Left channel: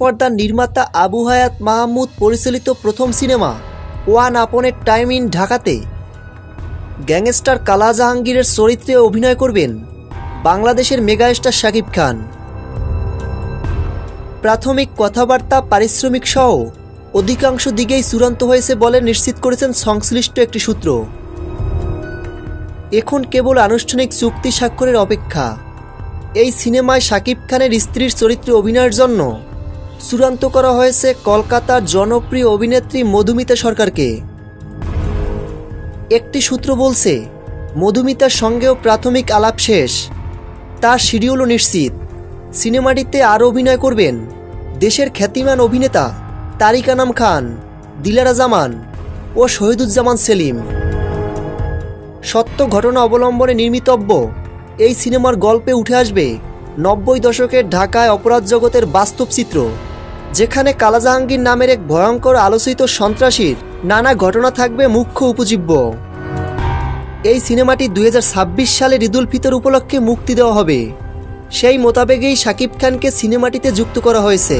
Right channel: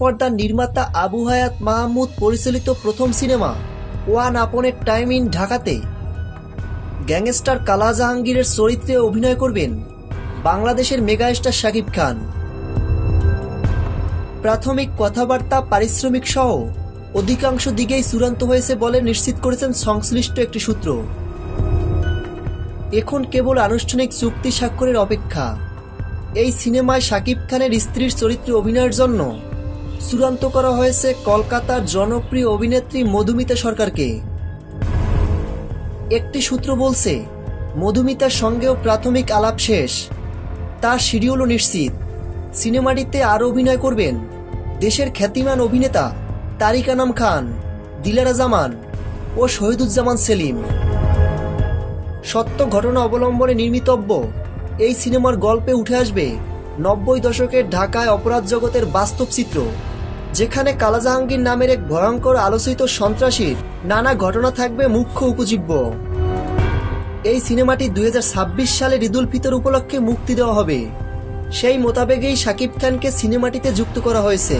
পর্দার নির্মাতা আবু হায়াত মাহমুদ পরিচালিত প্রথম cinema one upon A time in ঢাকাতে গ্যাংস্টার কালা জাহাঙ্গীরের চরিত্রে অভিনয় করবেন বাংলাদেশের মেগাস্টার শাকিব খান। প্রাথমিক কথাবার্তা, পারিশ্রমিক সহ অধিকাংশ দিকেই চূড়ান্ত হয়েছে বলে নিশ্চিত করেছেন সংশ্লিষ্ট একটি সূত্র। এখন কেবল আনুষ্ঠানিক চুক্তি স্বাক্ষরের অপেক্ষা। এই সিনেমায় শাকিব খানের স্ত্রীর চরিত্রে অভিনয়ের জন্য চূড়ান্ত করা হয়েছে কলকাতার জনপ্রিয় অভিনেত্রী মধুমিতা সরকারকে। একটি সূত্র বলছে, মধুমিতার সঙ্গেও প্রাথমিক আলাপ শেষ, তার শিডিউলও নিশ্চিত। সিনেমাটিতে আরও অভিনয় করবেন দেশের খ্যাতিমান অভিনেতা তারিক আনাম খান, দিলারা জামান ও শহীদুজ্জামান সেলিম। সত্য ঘটনা অবলম্বনে নির্মিতব্য এই সিনেমার গল্পে উঠে আসবে 90 দশকের ঢাকায় অপরাধ জগতের বাস্তব চিত্র, যেখানে কালা জাহাঙ্গীর নামের এক ভয়ঙ্কর আলোচিত সন্ত্রাসীর নানা ঘটনা থাকবে মুখ্য উপজীব্য। এই সিনেমাটি 2026 সালের ঈদুল ফিতর উপলক্ষে মুক্তি দেওয়া হবে। সেই মোতাবেকই শাকিব খানকে সিনেমাটিতে যুক্ত করা হয়েছে।